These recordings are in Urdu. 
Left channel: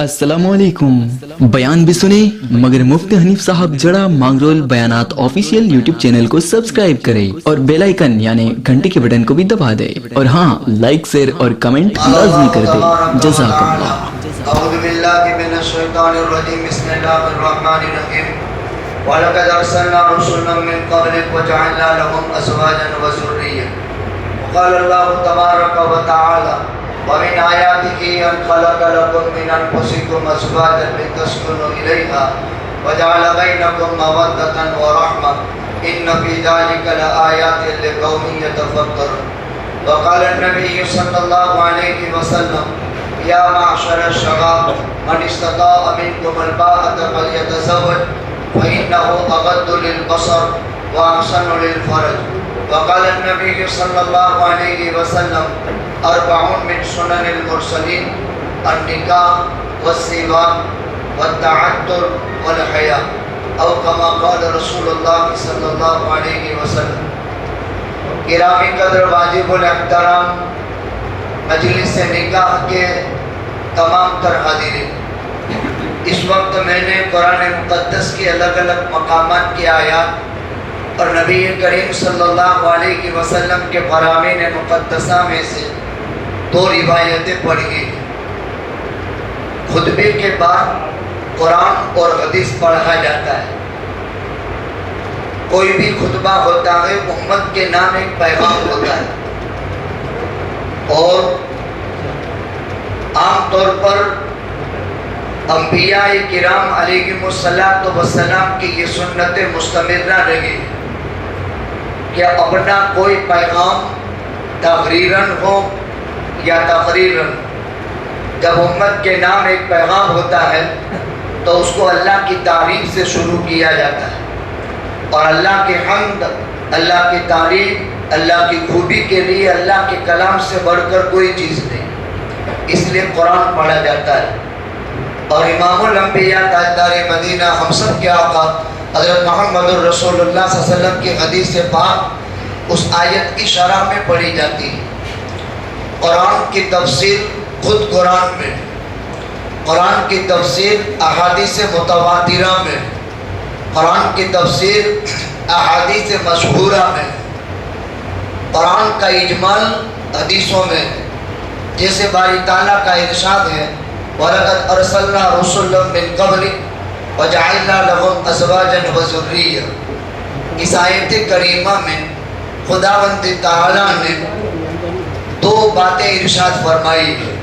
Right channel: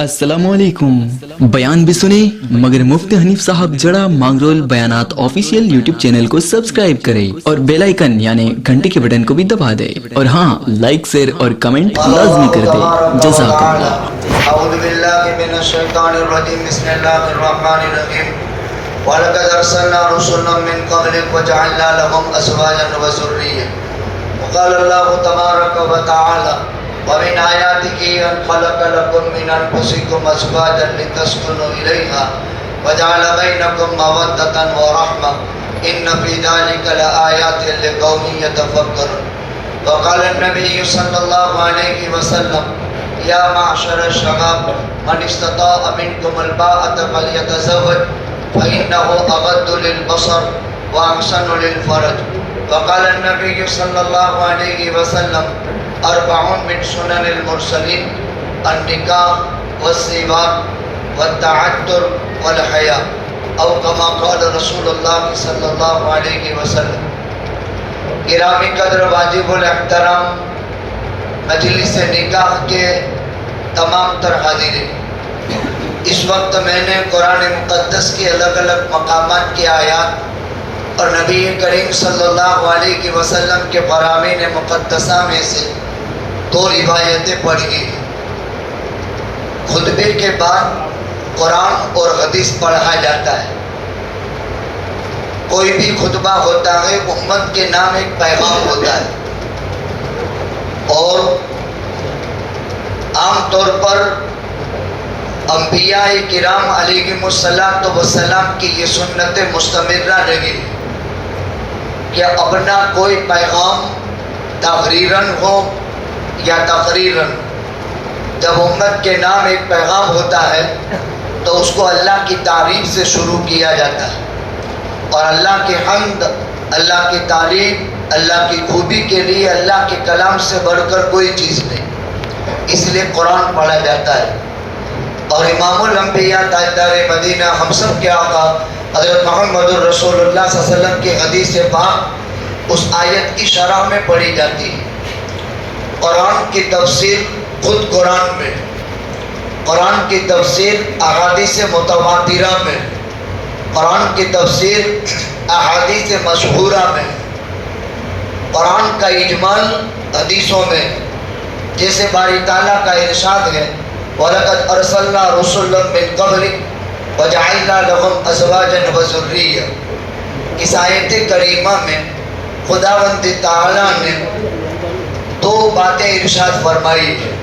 السلام علیکم. بیان بھی سنے مگر مفتی حنیف صاحب جڑا مانگرول بیانات آفیشیل یوٹیوب چینل کو سبسکرائب کرے اور بیل آئیکن یعنی گھنٹی کے بٹن کو بھی دبا دے اور ہاں لائک شیئر اور کمنٹ لازمی کر دے. جزاک اللہ. اعوذ باللہ من الشیطان الرجیم بسم اللہ الرحمن الرحیم وَلَقَدْ أَرْسَلْنَا رُسُلًا مِّن قَبْلِكَ وَجَعَلْنَا لَهُمْ أَزْوَاجًا وَذُرِّيَّةً وَقَالَ اللَّهُ تَبَارَكَ وَتَعَالَى وَمِنْ آيَاتِهِ أَنْ خَلَقَ لَكُم مِّنْ أَنفُسِكُمْ أَزْوَاجًا لِتَسْكُنُوا إِلَيْهَا وَجَعَلَ بَيْنَكُم مَّوَدَّةً وَرَحْمَةً إِنَّ فِي ذَلِكَ لَآيَاتٍ لِقَوْمٍ يَتَفَكَّرُونَ وقال النبي صلى الله عليه وسلم يا معشر الشباب من استطاع منكم الباءة فليتزوج فإنه أغض للبصر وأحسن للفرج. وقال النبي صلى الله عليه وسلم 4 من سنن المرسلين النكاح والسواك والتعطر والحياء أو كما قال رسول الله صلى الله عليه وسلم. گرامی قدر واجب الاحترام مجلس نکاح کے تمام تر حاضرین، اس وقت میں نے قرآن مقدس کے الگ الگ مقامات کی آیات اور نبی کریم صلی اللہ علیہ وسلم کے فرامین مقدسہ میں سے 2 روایتیں پڑھی گئی. خطبے کے بعد قرآن اور حدیث پڑھا جاتا ہے. کوئی بھی خطبہ ہوتا ہے امت کے نام ایک پیغام ہوتا ہے، اور عام طور پر انبیاء کرام علیہم السلام کی یہ سنت مستمرہ رہی کہ اپنا کوئی پیغام تقریراً ہو یا تقریراً جب امت کے نام ایک پیغام ہوتا ہے تو اس کو اللہ کی تعریف سے شروع کیا جاتا ہے، اور اللہ کی حمد، اللہ کی تعریف، اللہ کی خوبی کے لیے اللہ کے کلام سے بڑھ کر کوئی چیز نہیں، اس لیے قرآن پڑھا جاتا ہے. اور امام الانبیاء تاجدار مدینہ ہم سب کے آقا حضرت محمد رسول اللہ صلی اللہ علیہ وسلم کی حدیث پاک اس آیت کی شرح میں پڑھی جاتی ہے. قرآن کی تفسیر خود قرآن میں، قرآن کی تفسیر احادیث متواترہ میں، قرآن کی تفسیر احادیث مشہورہ میں، قرآن کا اجمال حدیثوں میں. جیسے باری تعالیٰ کا ارشاد ہے وَلَقَدْ أَرْسَلْنَا رُسُلًا مِّن قَبْلِكَ وَجَعَلْنَا لَهُمْ أَزْوَاجًا وَذُرِّيَّةً. اس آیت کریمہ میں خداوند تعالیٰ نے 2 باتیں ارشاد فرمائی ہیں.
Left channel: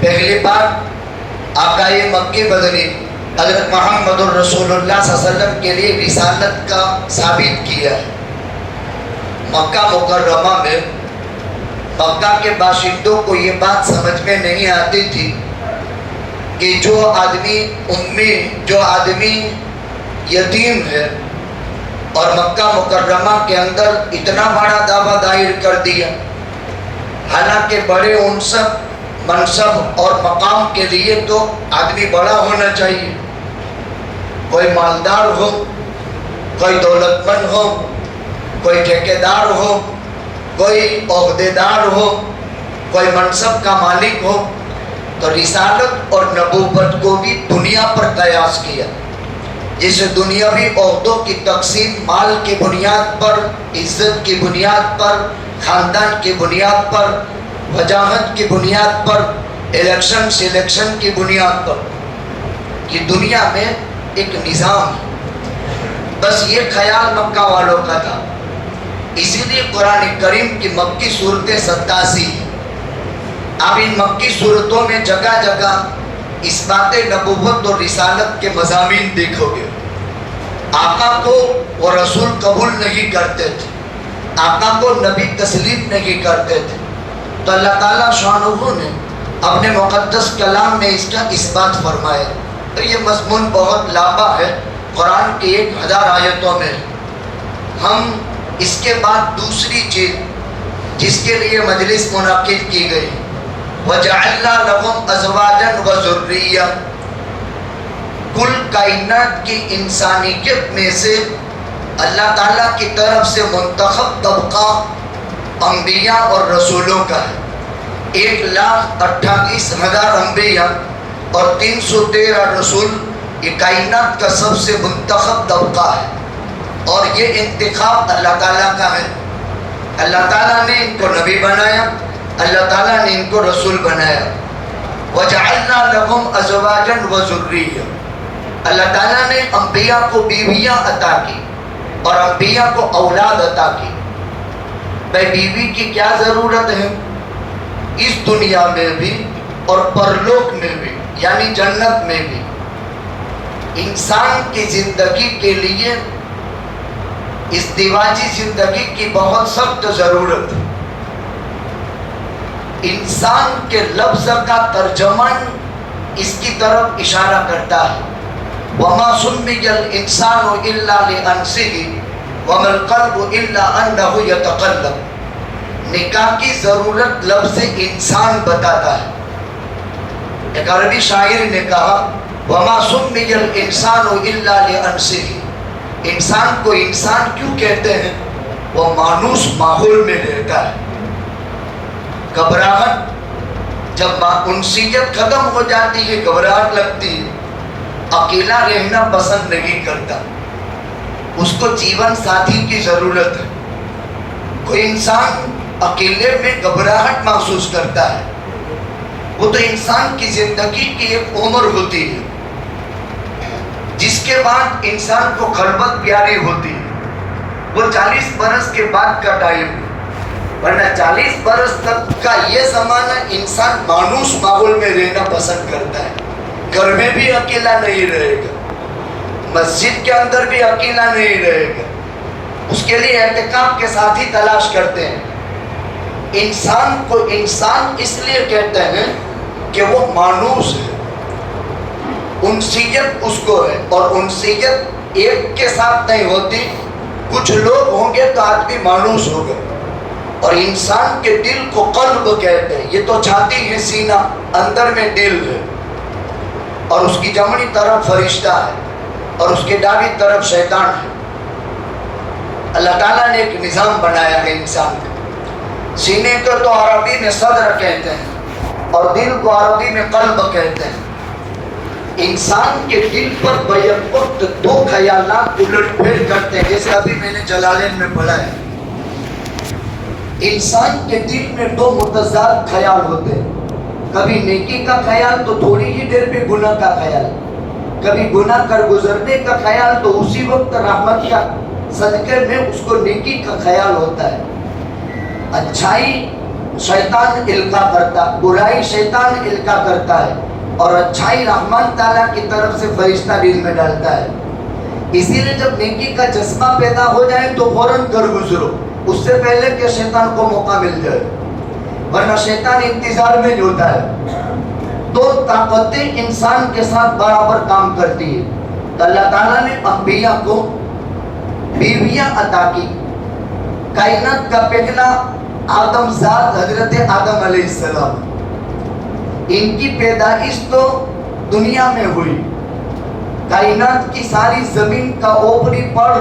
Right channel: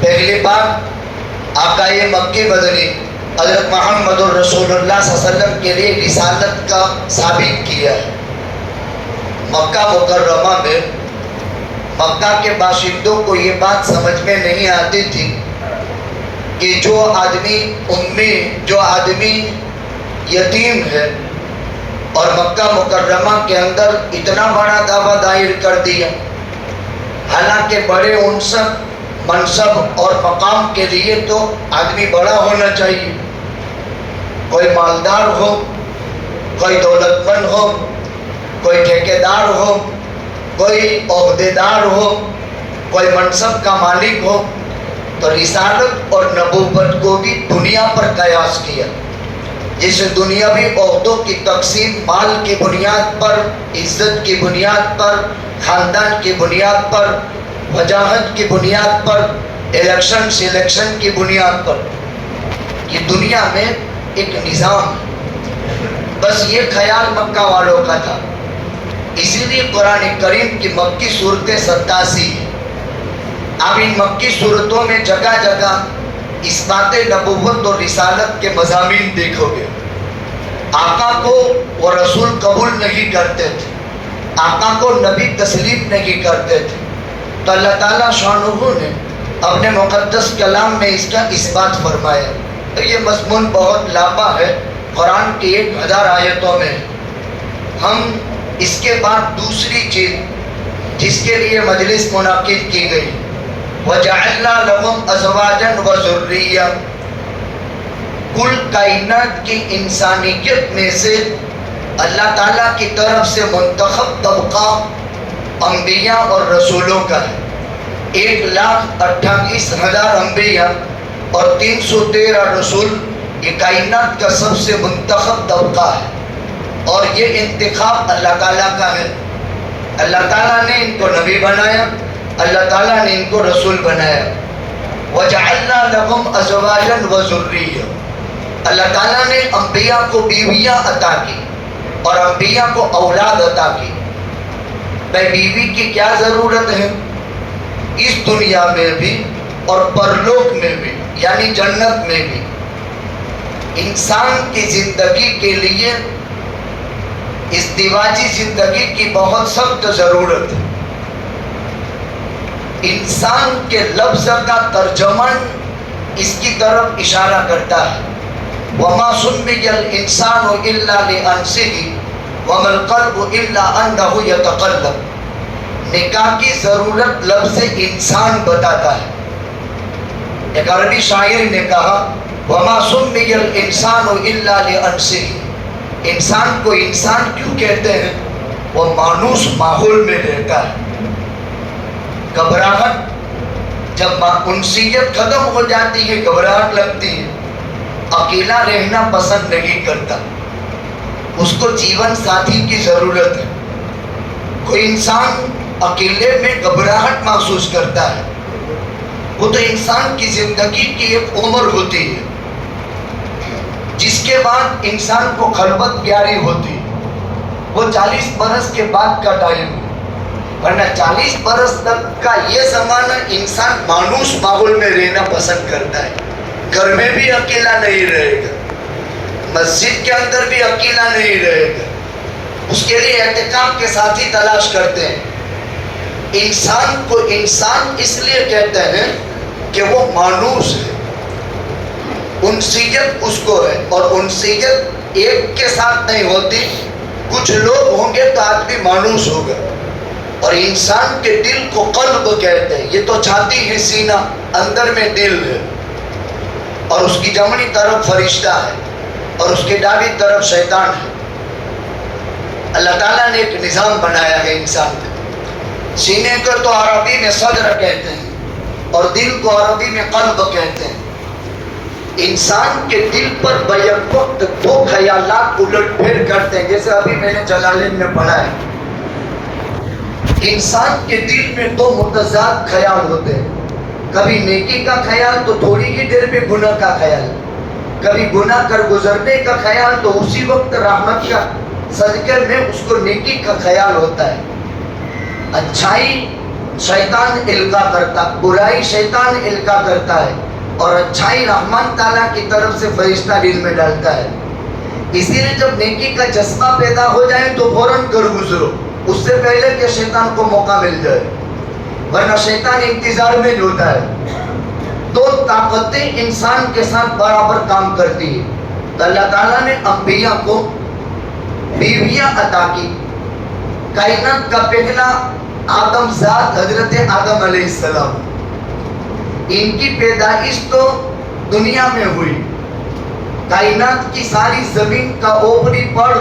پہلی بات آقا مکی مدنی حضرت محمد رسول اللہ صلی اللہ علیہ وسلم کے لیے رسالت کا ثابت کیا ہے. مکہ مکرمہ میں مکہ کے باشندوں کو یہ بات سمجھ میں نہیں آتی تھی کہ جو آدمی امی، جو آدمی یتیم ہے، اور مکہ مکرمہ کے اندر اتنا بڑا دعویٰ دائر کر دیا، حالانکہ بڑے منصب اور مقام کے لیے تو آدمی بڑا ہونا چاہیے، کوئی مالدار ہو، کوئی دولت مند ہو، کوئی ٹھیکیدار ہو، کوئی عہدیدار ہو، کوئی منصب کا مالک ہو. تو رسالت اور نبوت کو بھی دنیا پر قیاس کیا، جسے دنیاوی عہدوں کی تقسیم مال کی بنیاد پر، عزت کی بنیاد پر، خاندان کی بنیاد پر، وجاہت کی بنیاد پر، الیکشن سلیکشن کی بنیاد پر. یہ دنیا میں ایک نظام ہے. بس یہ خیال مکہ والوں کا تھا. اسی لیے قرآن کریم کی مکی صورتیں 87 ہیں. اب ان مکی صورتوں میں جگہ جگہ اس بات نبوت اور رسالت کے مضامین دیکھو گے. آقا کو وہ رسول قبول نہیں کرتے تھے، آقا کو نبی تسلیم نہیں کرتے تھے، تو اللہ تعالیٰ شانہ نے اپنے مقدس کلام میں اس کا اثبات فرمایا. یہ مضمون بہت لمبا ہے، قرآن کی 1000 آیتوں میں. ہم اس کے بعد دوسری چیز جس کے لیے مجلس منعقد کی گئی، وَجَعَلْنَا لَهُمْ أَزْوَاجًا وَذُرِّيَّةً. کل کائنات کی انسانیت میں سے اللہ تعالیٰ کی طرف سے منتخب طبقہ انبیاء اور رسولوں کا ہے. 1,28,000 انبیاء اور 313 رسول یہ کائنات کا سب سے منتخب طبقہ ہے، اور یہ انتخاب اللہ تعالیٰ کا ہے۔ اللہ تعالیٰ نے ان کو نبی بنایا، اللہ تعالیٰ نے ان کو رسول بنایا۔ وَجَعَلْنَا لَهُمْ أَزْوَاجًا وَذُرِّيَّةً، اللہ تعالیٰ نے انبیاء کو بیویاں عطا کی اور انبیاء کو اولاد عطا کی۔ بھائی بیوی کی کیا ضرورت ہے؟ اس دنیا میں بھی اور پرلوک میں بھی، یعنی جنت میں بھی انسان کی زندگی کے لیے ازدواجی زندگی کی بہت سخت ضرورت ہے۔ انسان کے لفظ کا ترجمان اس کی طرف اشارہ کرتا ہے، وَمَا سُمِّيَ الْإِنسَانُ إِلَّا لِأَنْسِهِ وَمَا الْقَلْبُ إِلَّا أَنَّهُ يَتَقَلَّبُ، نکاح کی ضرورت لفظ انسان بتاتا ہے۔ ایک عربی شاعر نے کہا وَمَا سُمِّيَ الْإِنسَانُ إِلَّا لِأَنْسِهِ، انسان کو انسان کیوں کہتے ہیں؟ وہ مانوس ماحول میں رہتا ہے۔ گھبراہٹ، جب انسیت ختم ہو جاتی ہے گھبراہٹ لگتی ہے، اکیلا رہنا پسند نہیں کرتا، اس کو جیون ساتھی کی ضرورت ہے۔ کوئی انسان اکیلے میں گھبراہٹ محسوس کرتا ہے، وہ تو انسان کی زندگی کی ایک عمر ہوتی ہے جس کے بعد انسان کو خلوت پیاری ہوتی ہے، وہ 40 برس کے بعد کا ٹائم ہے، ورنہ 40 برس تک کا یہ زمانہ انسان مانوس ماحول میں رہنا پسند کرتا ہے۔ گھر میں بھی اکیلا نہیں رہے گا، مسجد کے اندر بھی اکیلا نہیں رہے گا، اس کے لیے اعتکاف کے ساتھی تلاش کرتے ہیں۔ انسان کو انسان اس لیے کہتے ہیں کہ وہ مانوس ہے، انسیت اس کو ہے، اور انسیت ایک کے ساتھ نہیں ہوتی، کچھ لوگ ہوں گے تو آدمی مانوس ہوگا۔ اور انسان کے دل کو قلب کہتے ہیں، یہ تو چھاتی ہے سینہ، اندر میں دل ہے، اور اس کی جمنی طرف فرشتہ ہے اور اس کے دائیں طرف شیطان ہے۔ اللہ تعالیٰ نے ایک نظام بنایا ہے انسان کا، سینے کو تو عربی میں صدر کہتے ہیں اور دل کو عربی میں قلب کہتے ہیں۔ انسان کے دل پر بیک وقت دو خیالات الٹ پھیر کرتے ہیں، جیسے ابھی میں نے جلالین میں پڑھا ہے۔ انسان کے دل میں دو متضاد خیال ہوتے ہیں، کبھی نیکی کا خیال تو تھوڑی ہی دیر میں گناہ کا خیال، کبھی گناہ کر گزرنے کا خیال تو اسی وقت رحمت کا صدقے میں اس کو نیکی کا خیال ہوتا ہے۔ اچھائی شیطان القا کرتا، برائی شیطان القا کرتا ہے، اور اچھائی رحمان تعالیٰ کی طرف سے فرشتہ دل میں ڈالتا ہے۔ اسی لیے جب نیکی کا جذبہ پیدا ہو جائے تو فوراً کر گزرو، اس سے پہلے کہ شیطان کو موقع مل جائے، ورنہ شیطان انتظار میں ہوتا ہے۔ دو طاقتیں انسان کے ساتھ برابر کام کرتی ہیں۔ تو اللہ تعالیٰ نے انبیاء کو بیویاں عطا کی۔ کائنات کا پہلا آدم ذات حضرت آدم علیہ السلام، ان کی پیدائش تو دنیا میں ہوئی، کائنات کی ساری زمین کا اوپری پڑ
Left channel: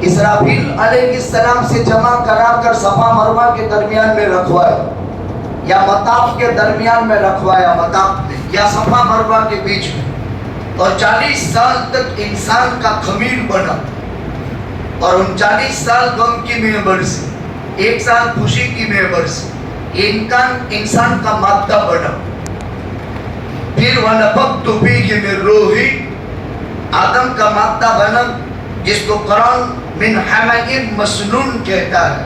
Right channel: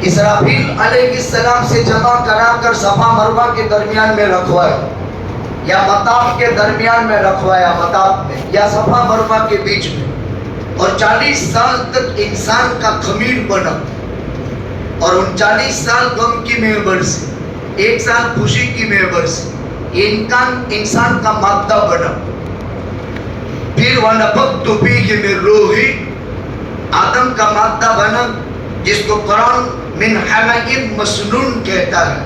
اسرافیل علیہ السلام سے جمع کرا کر صفا مروہ کے درمیان میں رکھوایا، یا مطاف کے درمیان میں رکھوایا، مطاف میں یا صفا مروہ کے بیچ میں، اور 40 سال تک انسان کا خمیر بنا، اور 39 سال غم کی میں برسی، 1 سال خوشی کی میں برسی، یہ انسان کا مادہ بنا۔ پھر وَنَفَخْتُ فِيهِ مِن رُوحِي، آدم کا مادہ بنا، جس کو قرآن من حمإ مسنون کہتا ہے،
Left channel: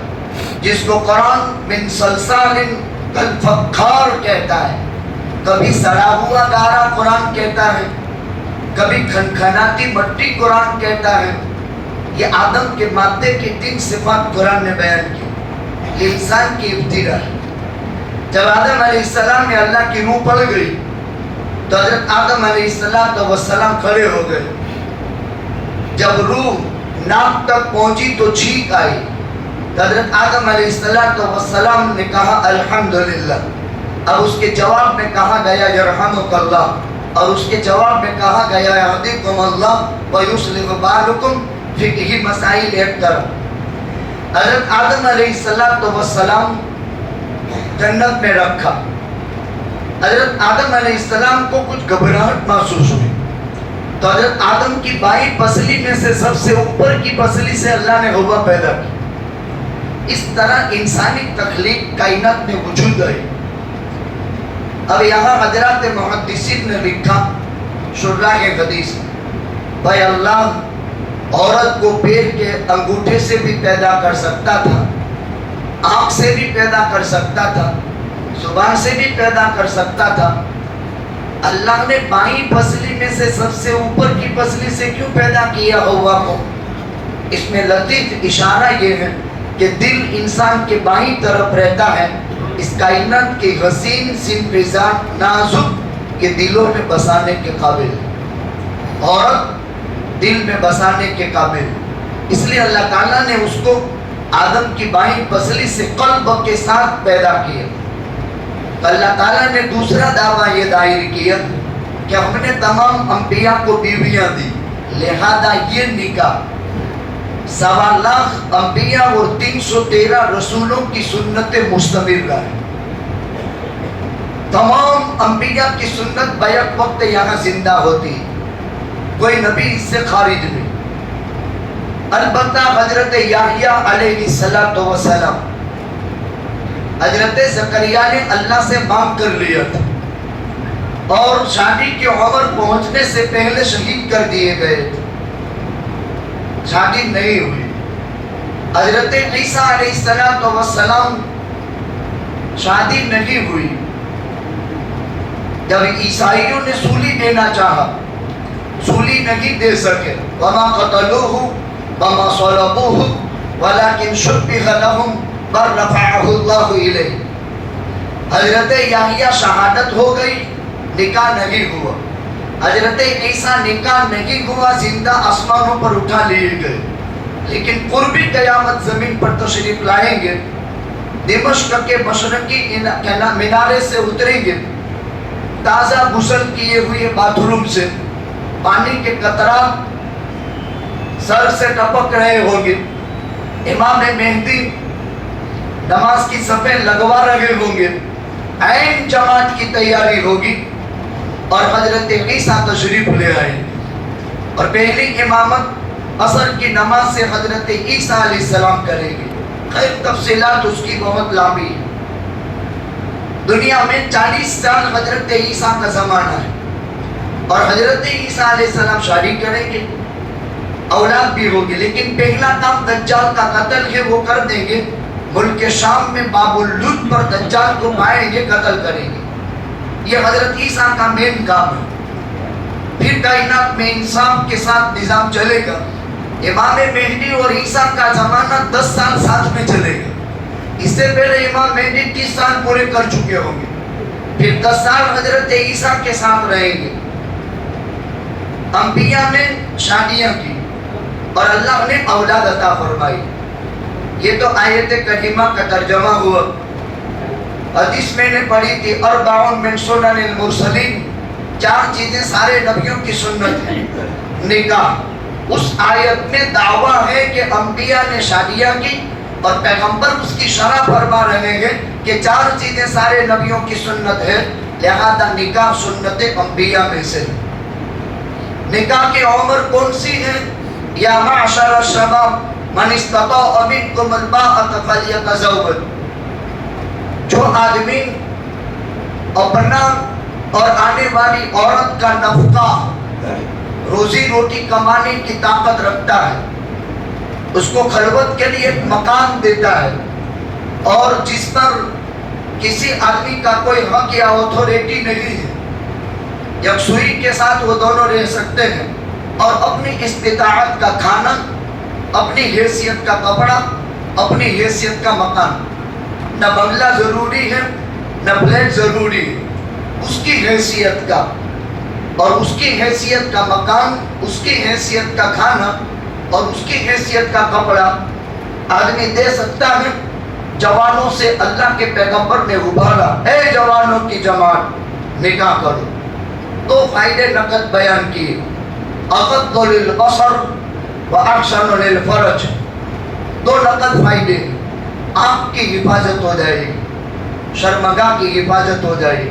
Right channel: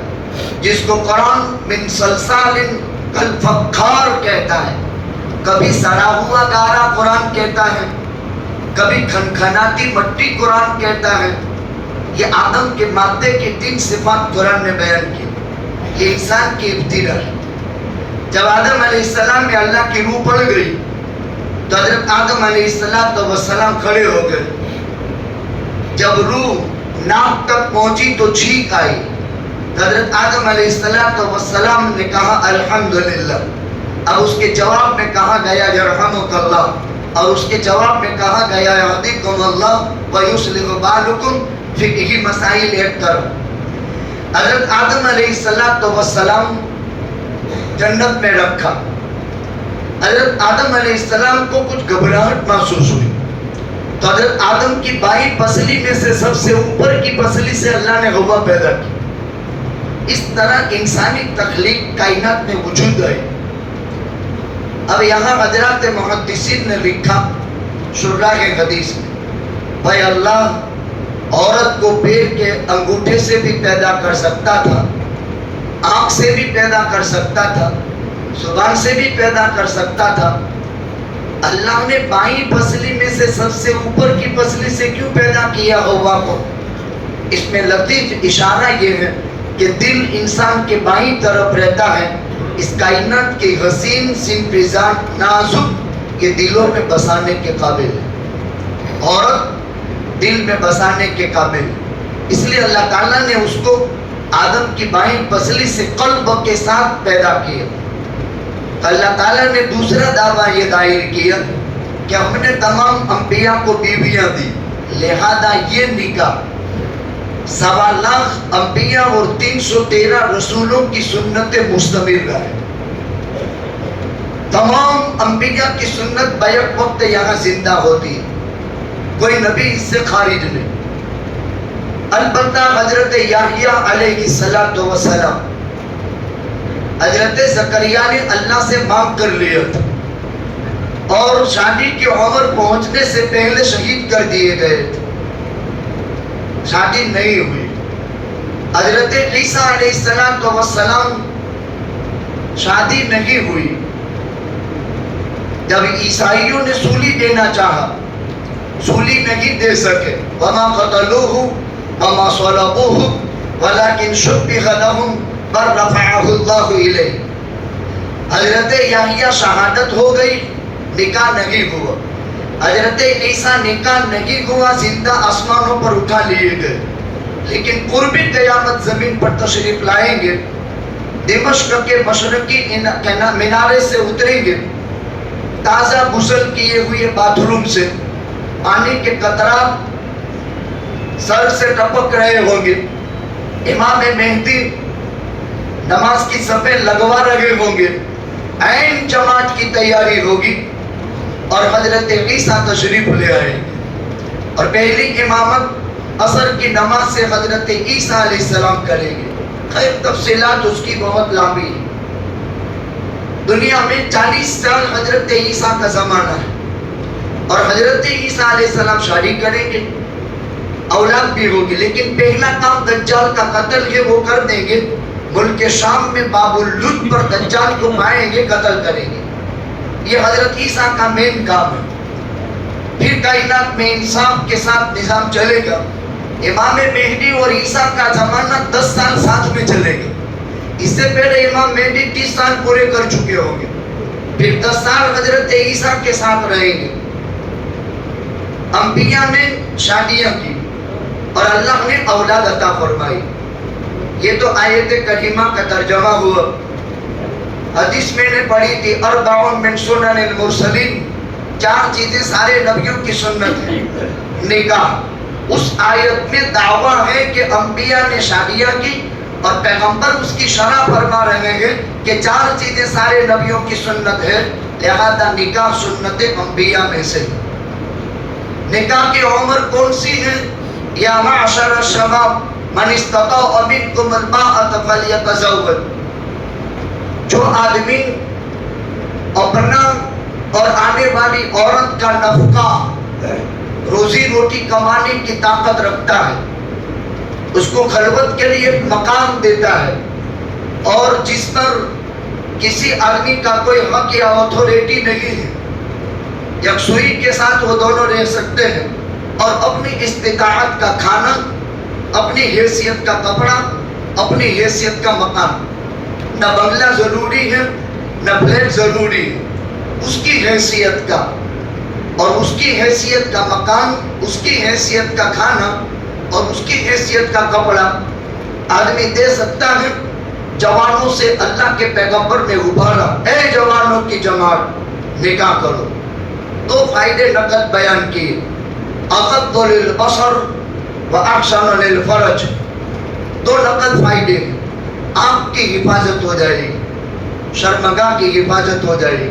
جس کو قرآن من صلصال کالفخار کہتا ہے۔ کبھی سڑا ہوا گارا قرآن کہتا ہے، کبھی کھنکھناتی مٹی قرآن کہتا ہے۔ یہ آدم کے مادے کی 3 صفات قرآن نے بیان کی۔ یہ انسان کی ابتدا ہے۔ جب آدم علیہ السلام میں اللہ کی روح پڑ گئی تو حضرت آدم علیہ السلام کھڑے ہو گئے۔ جب روح ناک تک پہنچی تو چھینک آئی، حضرت آدم علیہ السلام نے کہا الحمدللہ۔ اب اس کے جواب میں کہا گیا یرحمک اللہ، اور اس کے جواب میں کہا گیا یہدیکم اللہ ویصلح بالکم، فقہی مسائل ایڈ کرو۔ حضرت آدم علیہ السلام جنت میں رکھا، حضرت آدم علیہ السلام کو کچھ گھبراہٹ محسوس ہوئی تو حضرت آدم کی بائیں پسلی میں سے سب سے اوپر کی پسلی سے اللہ نے ہوا پیدا کی. اس طرح انسانی تخلیق کائنات میں وجود آئی. اب یہاں حضرات محدثین نے لکھا شراح حدیث بھائی اللہ عورت کو پیر کے انگوٹھے سے بھی پیدا کر سکتا تھا, آنکھ سے بھی پیدا کر سکتا تھا, زبان سے بھی پیدا کر سکتا تھا. اللہ نے بائیں پسلی میں سے سب سے اوپر کی پسلی سے کیوں پیدا کیا ہوا کو؟ اس میں لطیف اشارہ یہ ہے کہ دل انسان کے بائیں طرف رہتا ہے. اس کائنات کے حسین سنفزا نازک کے دلوں میں بسانے کے قابل ہے. عورت دل میں بسانے کے قابل ہے. اس لیے اللہ تعالیٰ نے اس کو آدم کی بائیں پسلی سے قلب کے ساتھ پیدا کیا. اللہ تعالیٰ نے دوسرا دعویٰ یہ دائر کیا کہ ہم نے تمام انبیاء کو بیویاں دی, لہذا یہ نکاح 1.25 لاکھ انبیاء اور 313 رسولوں کی سنت مستمر رہے. تمام انبیاء کی سنت بیک وقت یہاں زندہ ہوتی, کوئی نبی اس سے خارج نہیں. البتہ حضرت یحییٰ علیہ السلام حضرت زکریا نے اللہ سے مانگ کر لیا تھا اور شادی کی عمر پہنچنے سے پہلے شہید کر دیے گئے تھے. شادی نہیں ہوئی. حضرت عیسیٰ علیہ السلام شادی نہیں ہوئی. جب عیسائیوں نے سولی دینا چاہا, سولی نہیں دے سکے. وما قتلوہ وما صلبوہ ولکن شبہ لہم بل رفعہ اللہ الیہ. حضرت یحییٰ شہادت ہو گئی, نکاح نہیں ہوا. حضرت عیسیٰ نکاح نہیں ہوا, زندہ آسمانوں پر اٹھا لیے گئے. لیکن قرب قیامت زمین پر تشریف لائیں گے, دمشق کے مشرقی مینارے سے اتریں گے, تازہ غسل کیے ہوئے باتھ روم سے پانی کے قطرات سر سے ٹپک رہے ہوں گے. امام مہدی نماز کی صفیں لگوا رہے ہوں گے. عین جماعت کی تیاری ہوگی اور حضرت عیسیٰ تشریف لے آئیں گے اور پہلی امامت عصر کی نماز سے حضرت عیسیٰ علیہ السلام کریں گے. خیر تفصیلات اس کی بہت لمبی ہے. دنیا میں 40 سال حضرت عیسیٰ کا زمانہ ہے اور حضرت عیسیٰ علیہ السلام شادی کریں گے, اولاد بھی ہوگی. لیکن پہلا کام دجال کا قتل ہے, وہ کر دیں گے. ملک شام میں باب اللد پر دجال کو پائیں گے, قتل کریں گے. یہ حضرت عیسیٰ کا مین کام ہے. پھر کائنات میں انصاف کے ساتھ نظام چلے گا. امام مہدی اور عیسیٰ کا زمانہ 10 سال ساتھ میں چلے گا. اس سے پہلے امام مہدی 30 سال پورے کر چکے ہوں گے. پھر 10 سال حضرت عیسیٰ کے ساتھ رہیں گے. انبیاء نے شادیاں کی اور اللہ نے اولاد عطا فرمائی. یہ تو آیت کریمہ کا ترجمہ ہوا. حدیث میں نے پڑھی تھی 40 من سنن المرسلین, 4 چیزیں سارے نبیوں کی سنت ہیں. نکاح, اس آیت میں دعویٰ ہے کہ انبیاء نے شادیاں کی اور پیغمبر اس کی شرح فرما رہے ہیں کہ 4 چیزیں سارے نبیوں کی سنت ہے, لہذا نکاح سنت انبیاء میں سے. نکاح کی عمر کون سی ہے؟ یا معشر الشباب من استطاع منکم الباءۃ فلیتزوج. جو آدمی اپنا اور آنے والی عورت کا نفقہ, روزی روٹی کمانے کی طاقت رکھتا ہے, اس کو خلوت کے لیے مقام دیتا ہے اور جس پر کسی آدمی کا کوئی حق یا اتھارٹی نہیں ہے, یکسوئی کے ساتھ وہ دونوں رہ سکتے ہیں اور اپنی استطاعت کا کھانا, اپنی حیثیت کا کپڑا, اپنی حیثیت کا مکان. نہ بنگلہ ضروری ہے نہ فلیٹ ضروری ہے, اس کی حیثیت کا اور اس کی حیثیت کا مکان, اس کی حیثیت کا کھانا اور اس کی حیثیت کا کپڑا آدمی دے سکتا ہے. جوانوں سے اللہ کے پیغمبر نے ابھارا, اے جوانوں کی جماعت نکاح کرو. 2 فائدے نقد بیان کیے, اغض للبصر و احسن للفرج. 2 نقد فائدے, آنکھ کی حفاظت ہو جائے گی, شرمگاہ کی حفاظت ہو جائے گی,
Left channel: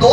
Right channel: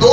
2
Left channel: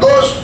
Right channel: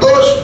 2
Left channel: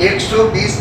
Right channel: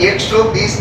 120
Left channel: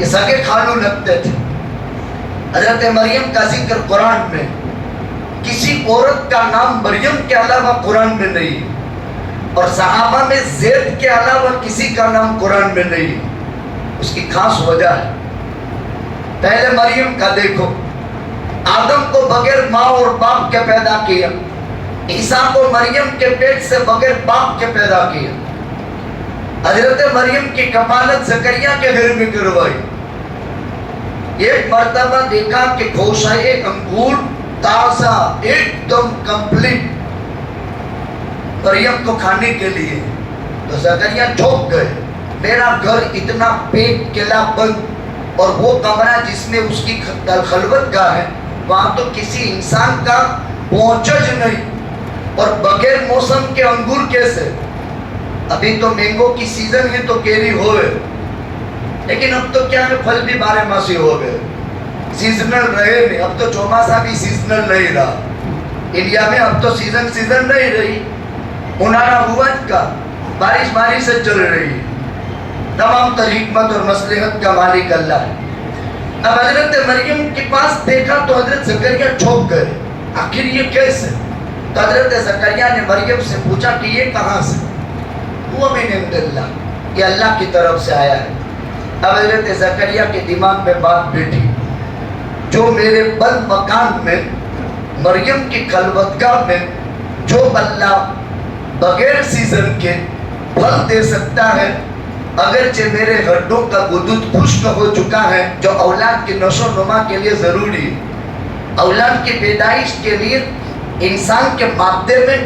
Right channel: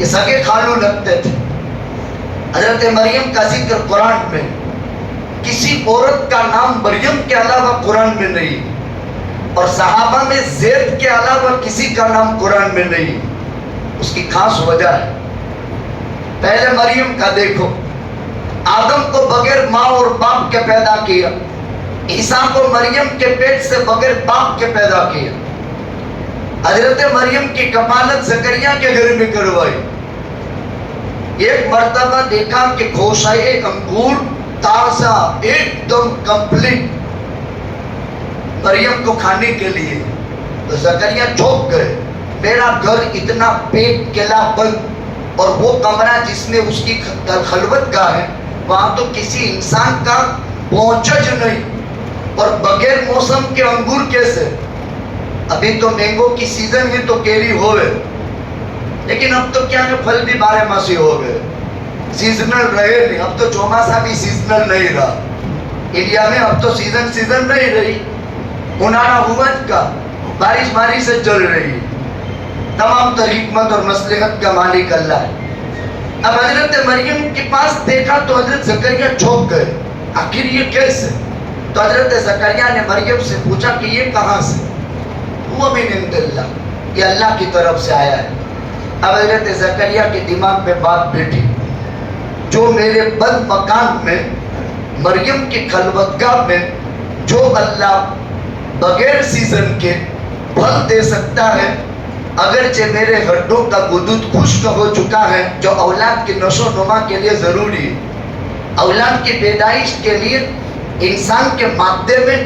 یہ سگے خالو لگتے تھے. حضرت مریم کا ذکر قرآن میں کسی عورت کا نام مریم کے علاوہ قرآن میں نہیں, اور صحابہ میں زید کے علاوہ کسی کا نام قرآن میں نہیں. اس کی خاص وجہ ہے. پہلے مریم کا دیکھو, آدم کو بغیر ماں اور باپ کے پیدا کیا, عیسیٰ کو مریم کے پیٹ سے بغیر باپ کے پیدا کیا. حضرت مریم کی کفالت زکریا کے گھر میں کروائی. ایک مرتبہ دیکھا کہ گوشائے انگور تازہ ایک دم کمپلیٹ مریم کو کھانے کے لیے, تو زکریا چوک گئے. میرا گھر اتنا پیٹ کلا بند, اور وہ کمرہ جس میں اس کی خلوت گاہ ہے وہاں تو کسی انسان کا پہنچج نہیں, اور بغیر موسم کے انگور کیسے. ابھی تو مینگو کی سیزن ہے تو کیری ہوئے, لیکن اب تو کیا ہے پھل بھی بارہ ماسی ہو گئے, سیزنل رہے نہیں. اب تو چوماسا بھی سیزنل نہیں رہا انڈیا میں, اب تو سیزن نہیں رہی. انارا ہوت کا بارش سے چل رہی ہے. تمام تر حکمت اور مصلحت کا مالک اللہ ہے. اب حضرت مریم کے پاس دیکھا تو حضرت زکریا چوک گئے, آخر یہ کیسے. تو حضرت زکریا نے مریم سے پوچھا کہ یہ کہاں سے. وہ بھی نعمت اللہ, یہ اللہ کی طرف سے آیا ہے. اب حضرت زکریا کے دماغ میں بات بیٹھی, جو میرے بند مکان میں مریم کی خلوتگاہ میں جو اللہ بغیر سیزن کے پھل دے سکتا ہے, اگرچہ میرے ہڈوں کا گدود خشک ہو چکا ہے جو اولاد کی نشو و نما کے لیے ضروری ہے. اولاد کی پیدائش کے لیے انسان کے مادے میں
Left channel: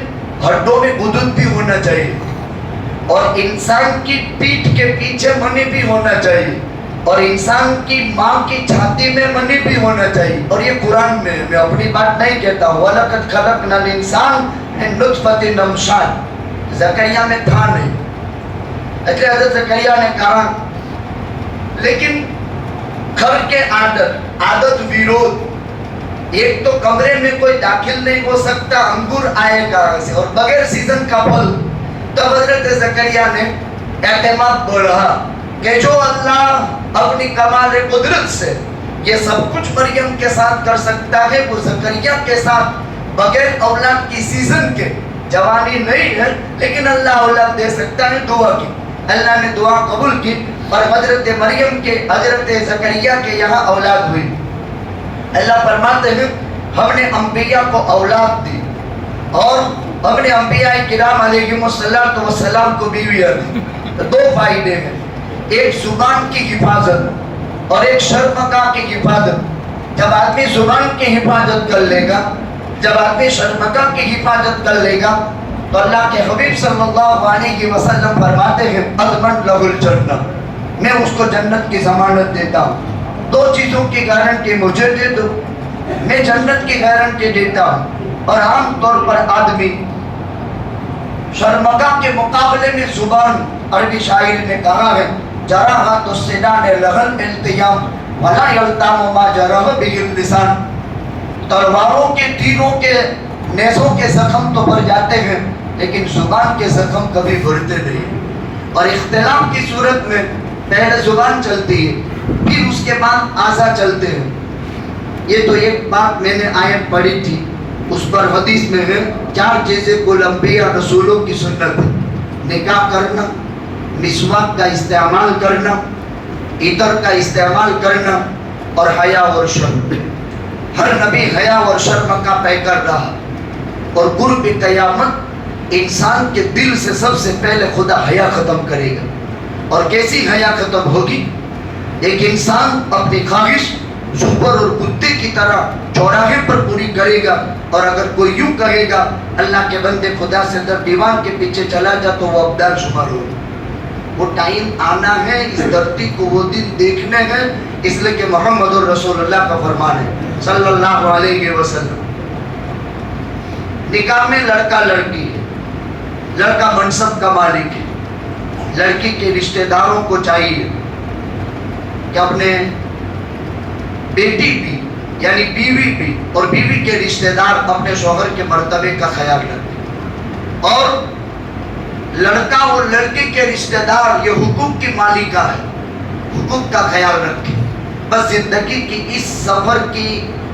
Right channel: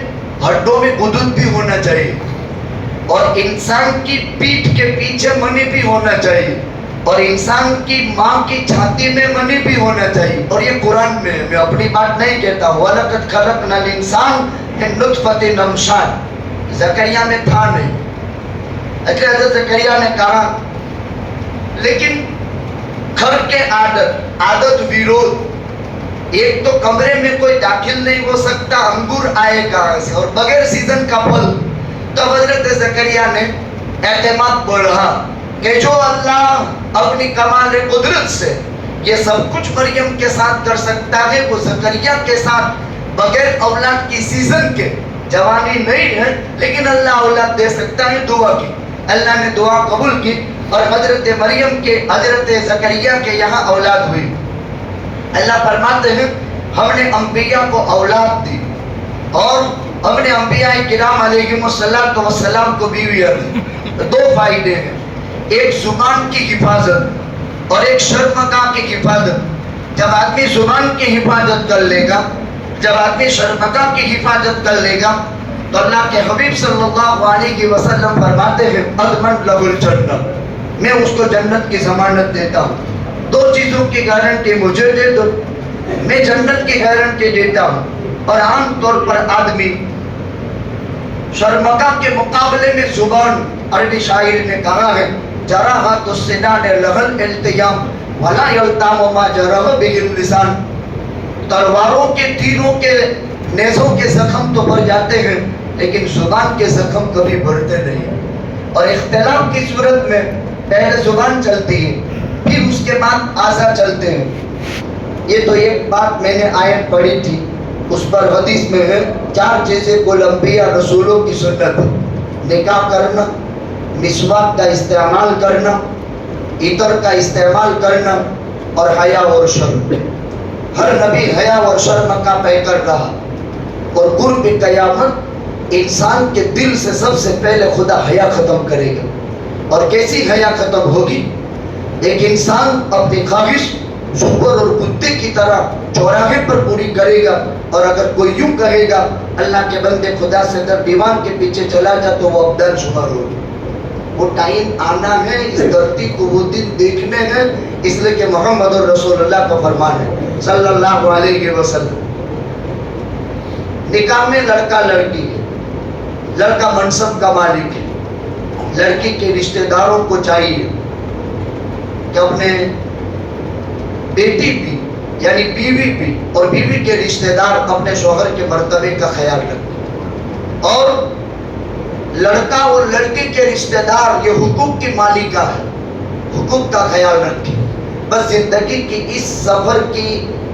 ہڈوں میں گدود بھی ہونا چاہیے, اور انسان کی پیٹھ کے پیچھے منی بھی ہونا چاہیے, اور انسان کی ماں کی چھاتی میں منی بھی ہونا چاہیے. اور یہ قرآن میں, میں اپنی بات نہیں کہتا ہوں. وَلَقَدْ خَلَقْنَا الْإِنسَانَ مِن نُطْفَةٍ أَمْشَاجٍ. زکریا میں تھا نہیں. حضرت زکریا نے کہا, لیکن گھر کے عادت ویرود, ایک تو کمرے میں کوئی داخل نہیں ہو سکتا, انگور آئے کہاں سے, اور بغیر سیزن کا پھل. تو حضرت زکریا نے اعتماد بڑھا کہ جو اللہ اپنی کمال قدرت سے یہ سب کچھ مریم کے ساتھ کر سکتا ہے, وہ زکریا کے ساتھ بغیر اولاد کی سیزن کے, جوانی نہیں ہے لیکن اللہ اولاد دے سکتا ہے. دعا کی, اللہ نے دعا قبول کی, اور حضرت مریم کے حضرت زکریا کے یہاں اولاد ہوئی. اللہ فرماتے ہیں ہم نے انبیاء کو اولاد دی, اور ہم نے انبیاء کرام علیہم السلام کو بیویاں دی. دو فائدے ہیں, ایک زبان کی حفاظت اور ایک شرمگاہ کی حفاظت. جب آدمی زبان کی حفاظت کر لے گا, جب آدمی شرمگاہ کی حفاظت کر لے گا, تو اللہ کے حبیب صلی اللہ علیہ وسلم فرماتے ہیں اضمن لہ الجنہ, میں اس کو جنت کی ضمانت دیتا ہوں. دو چیزوں کی گارنٹی مجھے دے دو, میں جنت کی گارنٹی دیتا ہوں. اور عام طور پر آدمی شرمگاہ کے مقابلے میں زبان, عربی شاعر نے کہا ہے جراحت السنان لہن التیام ولا یلتام ما جرح به اللسان. تلواروں کے تیروں کے نیزوں کے زخم تو بھر جاتے ہیں, لیکن زبان کے زخم کبھی بھرتے نہیں. اور اختلاف کی صورت میں پہلے زبان چلتی ہے, پھر اس کے بعد اعضاء چلتے ہیں. یہ تو ایک بات میں نے آیت پڑھی تھی, اس پر حدیث میں ہے 4 چیزیں کل انبیاء رسولوں کی سنت ہے: نکاح کرنا, مسواک کا استعمال کرنا, عطر کا استعمال کرنا, اور حیا اور شرم. ہر نبی حیا اور شرم کا پیکر رہا, اور قرب قیامت انسان کے دل سے سب سے پہلے خدا حیا ختم کرے گا. اور کیسی حیا ختم ہوگی؟ ایک انسان اپنی خواہش سور اور کتے کی طرح چوراہے پر پوری کرے گا, اور اگر کوئی یوں کہے گا اللہ کے بندے خدا سے در دیوان کے پیچھے چلا جا, تو وہ ابدال شمار ہوگا. وہ ٹائم آنا ہے, اس دھرتی کو وہ دن دیکھنے ہیں, اس لیے کہ محمد رسول اللہ کا فرمان ہے صلی اللہ علیہ وسلم. نکاح میں لڑکا لڑکی ہے, لڑکا منصب کا مالک ہے, لڑکی کے رشتہ داروں کو چاہیے کہ اپنے بیٹی بھی یعنی بیوی بھی اور بیوی کے رشتہ دار اپنے شوہر کے مرتبے کا خیال رکھیں. اور لڑکا اور لڑکی کے رشتہ دار یہ حقوق کی مالکہ ہے, حقوق کا خیال رکھیں. بس زندگی کی اس سفر کی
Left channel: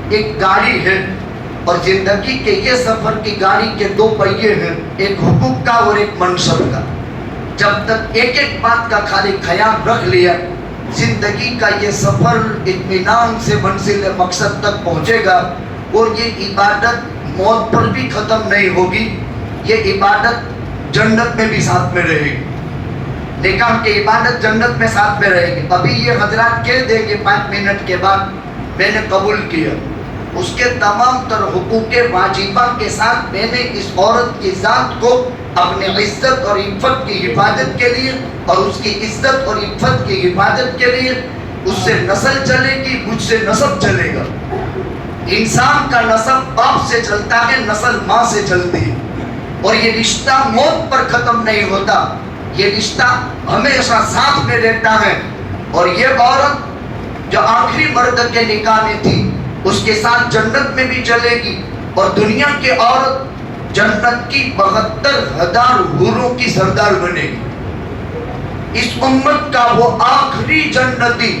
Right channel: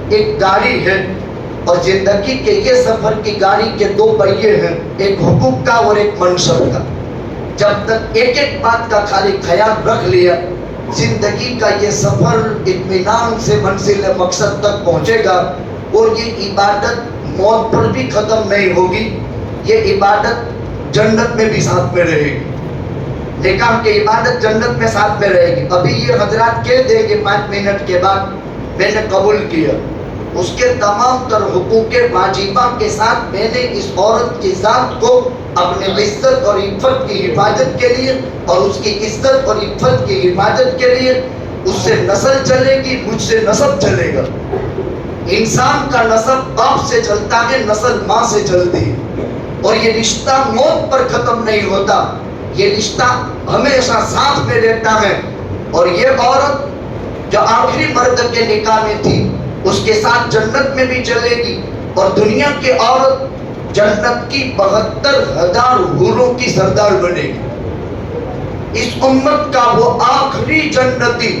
ایک گاڑی ہے اور زندگی کے یہ سفر کی گاڑی کے دو پہیے ہیں, ایک حقوق کا اور ایک منصب کا. جب تک ایک ایک بات کا خالی خیال رکھ لیا, زندگی کا یہ سفر اطمینان سے منزل مقصد تک پہنچے گا. اور یہ عبادت موت پر بھی ختم نہیں ہوگی, یہ عبادت جنت میں بھی ساتھ میں رہے گی. نکاح کی عبادت جنت میں ساتھ میں رہے گی. ابھی یہ حضرات کہہ دیں گے 5 منٹ کے بعد میں نے قبول کیا, اس کے تمام تر حقوق واجبہ کے ساتھ میں نے اس عورت کی ذات کو اپنے عزت اور عفت کی حفاظت کے لیے اور اس کی عزت اور عفت کی حفاظت کے لیے اس سے نسل چلے گی, مجھ سے نسب چلے گا. انسان کا نسب باپ سے چلتا ہے, نسل ماں سے چلتی ہے. اور یہ رشتہ موت پر ختم نہیں ہوتا, یہ رشتہ ہمیشہ ساتھ میں رہتا ہے. اور یہ عورت جو آخری مرد کے نکاح میں تھی اس کے ساتھ جنت میں بھی چلے گی. اور دنیا کی عورت جنت کی 72,000 حوروں کی سردار بنے گی. اس امت کا وہ آخری جنتی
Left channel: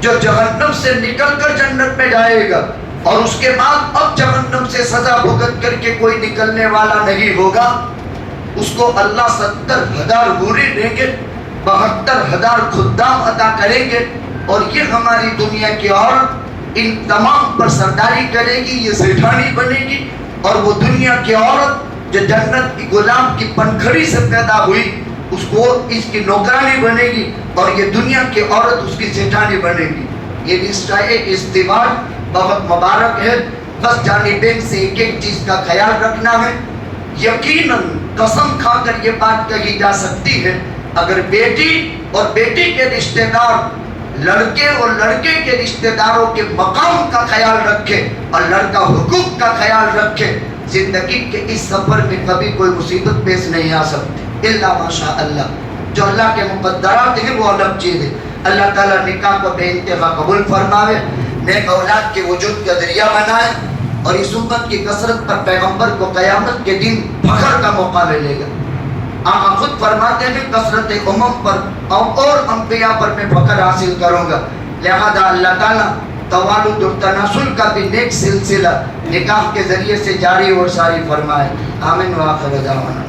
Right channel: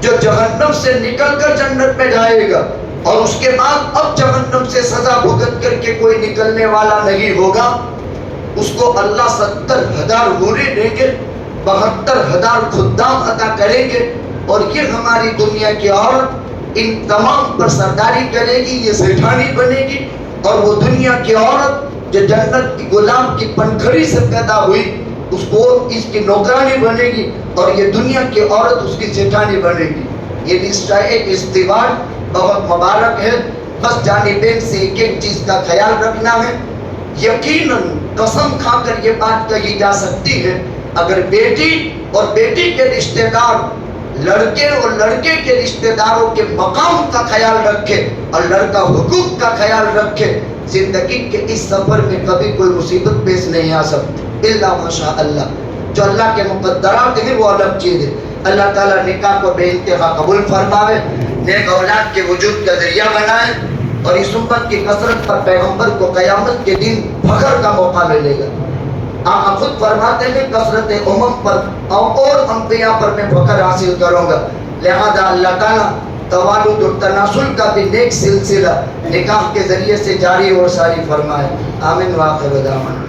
جو جہنم سے نکل کر جنت میں جائے گا اور اس کے بعد اب جہنم سے سزا بھگت کر کے کوئی نکلنے والا نہیں ہوگا, اس کو اللہ 70,000 حوریں دیں گے, 72,000 خدام عطا کریں گے. اور یہ ہماری دنیا کی عورت ان تمام پر سرداری کرے گی, یہ سیٹھانی بنے گی. اور وہ دنیا کی عورت جو جنت کی غلام کی پنکھڑی سے پیدا ہوئی اس کو اس کی نوکرانی بنے گی, اور یہ دنیا کی عورت اس کی سیٹھانی بنے گی. یہ رشتہ ایک ازدواج بہت مبارک ہے. بس جانبین سے ایک ایک چیز کا خیال رکھنا ہے. یقیناً قسم کھا کر یہ بات کہی جا سکتی ہے, اگر بیٹی اور بیٹی کے رشتہ دار لڑکے اور لڑکے کے رشتہ داروں کے مقام کا خیال رکھے اور لڑکا حقوق کا خیال رکھے, زندگی کے اس سفر میں کبھی کوئی مصیبت پیش نہیں آ سکتی الا ماشاء اللہ. جو اللہ کے مقدرات ہیں وہ الگ چیز ہے. اللہ تعالیٰ نکاح کو بے انتہا قبول فرمائے, نیک اولاد کے وجود کا ذریعہ بنائے, اور اس امت کی کثرت پر پیغمبر کو قیامت کے دن فخر کا موقع ملے گا. آپ خود فرماتے ہیں کثرت امم پر اور انبیاء پر میں فخر حاصل کروں گا. لہذا اللہ تعالیٰ توالد اور تناسل کا بھی نیک سلسلہ نکاح کے ذریعے سے جاری اور ساری فرمائے. آمین. وآخر دعوانا